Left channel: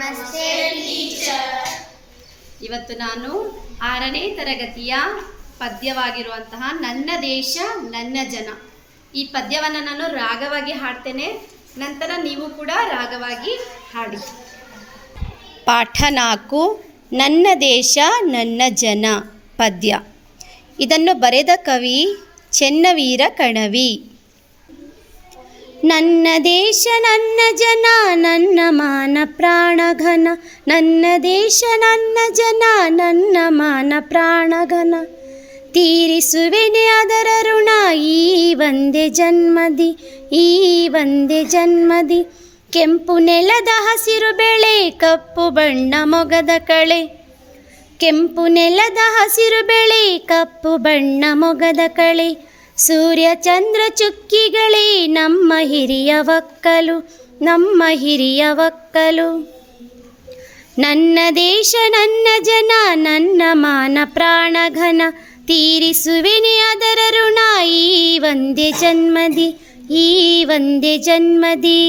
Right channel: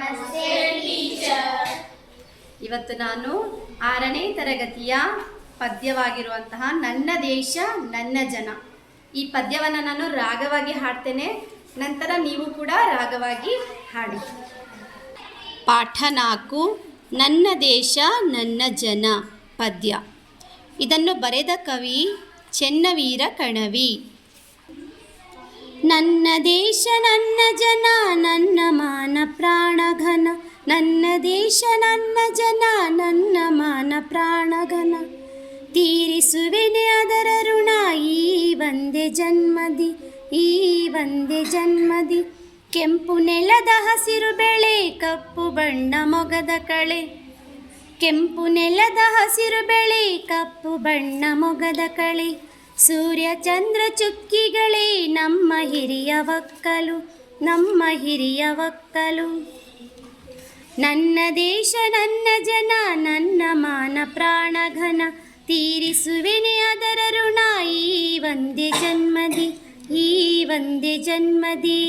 ನಮಸ್ತೆ ಟೀಚರ್. ಇವತ್ತು ನಾನು 6ನೇ ತರಗತಿಯ ಪದ್ಯವಾಗಿರುವಂತಹ ನನ್ನ ದೇಶ ನನ್ನ ಜನ ಈ ಪದ್ಯವನ್ನು ನಾನು ರಾಗವಾಗಿ ಹಾಡ್ತೇನೆ. ನಂತರ ನೀವು ಕೂಡ ರಾಗವಾಗಿ ಹಾಡಿ. ಪಾಠ 4 ನನ್ನ ದೇಶ ನನ್ನ ಜನ ಪದ್ಯ. ಇದನ್ನು ಬರೆದ ಕವಿ ಚೆನ್ನವೀರ ಕಣವಿ. ನನ್ನ ದೇಶ ನನ್ನ ಜನ ನನ್ನ ಮಾನ ಪ್ರಾಣಘನ, ನನ್ನ ದೇಶ ನನ್ನ ಜನ ನನ್ನ ಮಾನ ಪ್ರಾಣಘನ, ತೀರಿಸುವೆನೆ ಅದರ ಋಣ ಈ ಒಂದೇ ಜನ್ಮದಿ, ಈ ಒಂದೇ ಜನ್ಮದಿ. ಕೆಂಪು ನೆಲದ ಹಸಿರು ಬೆಳೆ ಕಪ್ಪು ಬಣ್ಣ ಮೊಗದ ಕಳೆ, ಕೆಂಪು ನೆಲದ ಹಸಿರು ಬೆಳೆ ಕಪ್ಪು ಬಣ್ಣ ಮೊಗದ ಕಳೆ, ಸೂರ್ಯ ಚಂದ್ರ ಚುಕ್ಕಿಗಳೇ ನಮ್ಮ ಹಿರಿಯ ಒಕ್ಕಲು, ನಮ್ಮ ಹಿರಿಯ ಒಕ್ಕಲು. ನನ್ನ ದೇಶ ನನ್ನ ಜನ ನನ್ನ ಮಾನ ಪ್ರಾಣಘನ, ತೀರಿಸುವೆನೆ ಅದರ ಋಣ ಈ ಒಂದೇ ಜನ್ಮದಿ, ಈ ಒಂದೇ ಜನ್ಮದಿ.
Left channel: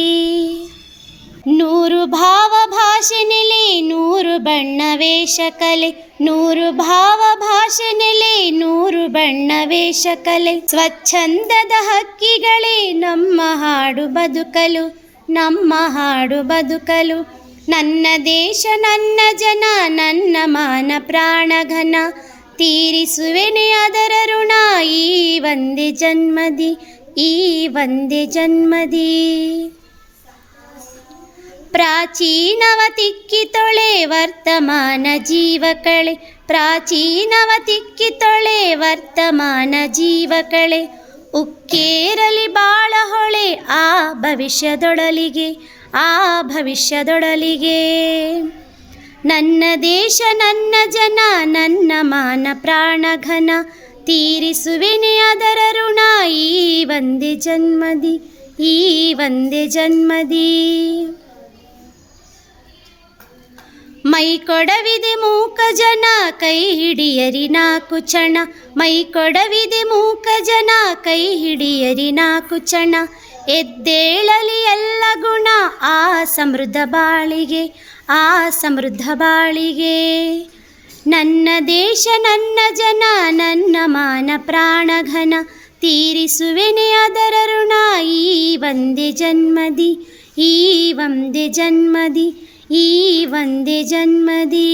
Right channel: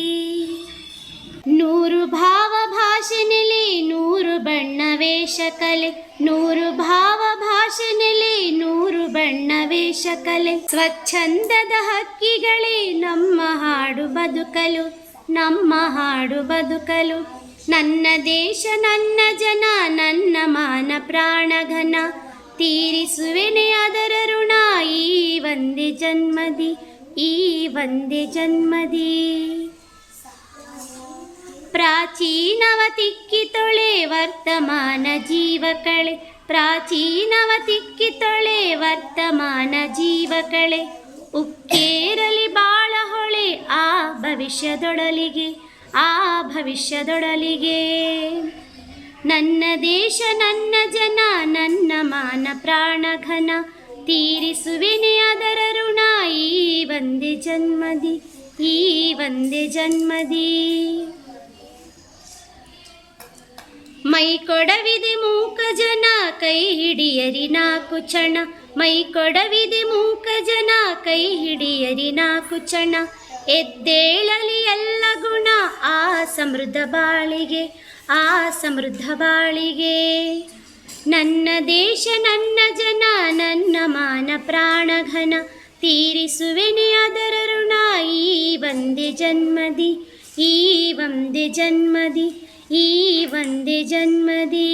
100 ಭಾವ ಭಾಷೆ ನೆಲೆ 100 ಬಣ್ಣ ವೇಷ ಕಲೆ, 100 ಭಾವ ಭಾಷೆ ನೆಲೆ 100 ಬಣ್ಣ ವೇಷ ಕಲೆ, ಸ್ವಚ್ಛಂದದ ಹಕ್ಕಿಗಳೇ ನಮ್ಮ ಹಾಡು ಬದುಕಲು, ನಮ್ಮ ಹಾಡು ಬದುಕಲು. ನನ್ನ ದೇಶ ನನ್ನ ಜನ ನನ್ನ ಮಾನ ಪ್ರಾಣಘನ, ತೀರಿಸುವೆನೆ ಅದರ ಋಣ ಈ ಒಂದೇ ಜನ್ಮದಿ, ಈ ಒಂದೇ ಜನ್ಮದಿ. ಪ್ರಾಚೀನವ ತಿಕ್ಕಿ ತೊಳೆ ವರ್ತಮಾನ ಜೀವ ಕಳೆ, ಪ್ರಾಚೀನವ ತಿಕ್ಕಿ ತೊಳೆ ವರ್ತಮಾನ ಜೀವ ಕಳೆ, ಉಕ್ಕೇರಲಿ ಬಾಳ ಹೊಳೆ ಆ ಭವಿಷ್ಯದೊಡಲಿಗೆ, ಆ ಭವಿಷ್ಯದೊಡಲಿಗೆ. ನನ್ನ ದೇಶ ನನ್ನ ಜನ ನನ್ನ ಮಾನ ಪ್ರಾಣಘನ, ತೀರಿಸುವೆನೆ ಅದರ ಋಣ ಈ ಒಂದೇ ಜನ್ಮದಿ, ಈ ಒಂದೇ ಜನ್ಮದಿ. ಮೈ ಕೊಡವಿದೆ ಮೂಕ ಜನ ಕೈ ಹಿಡಿಯರಿ 4 ಚಣ, ಮೈ ಕೊಡವಿದೆ ಮೂಕ ಜನ ಕೈ ಹಿಡಿಯರಿ 4 ಚಣ, ಎದ್ದೇಳಲಿ ಎಲ್ಲ ಗುಣ ಆ ಸಮೃದ್ಧ ಬಾಳಿಗೆ, ಆ ಸಮೃದ್ಧ ಬಾಳಿಗೆ. ನನ್ನ ದೇಶ ನನ್ನ ಜನ ನನ್ನ ಮಾನ ಪ್ರಾಣಘನ, ತೀರಿಸುವೆನೆ ಅದರ ಋಣ ಈ ಒಂದೇ ಜನ್ಮದಿ, ಈ ಒಂದೇ ಜನ್ಮದಿ, ಈ ಒಂದೇ ಜನ್ಮದಿ.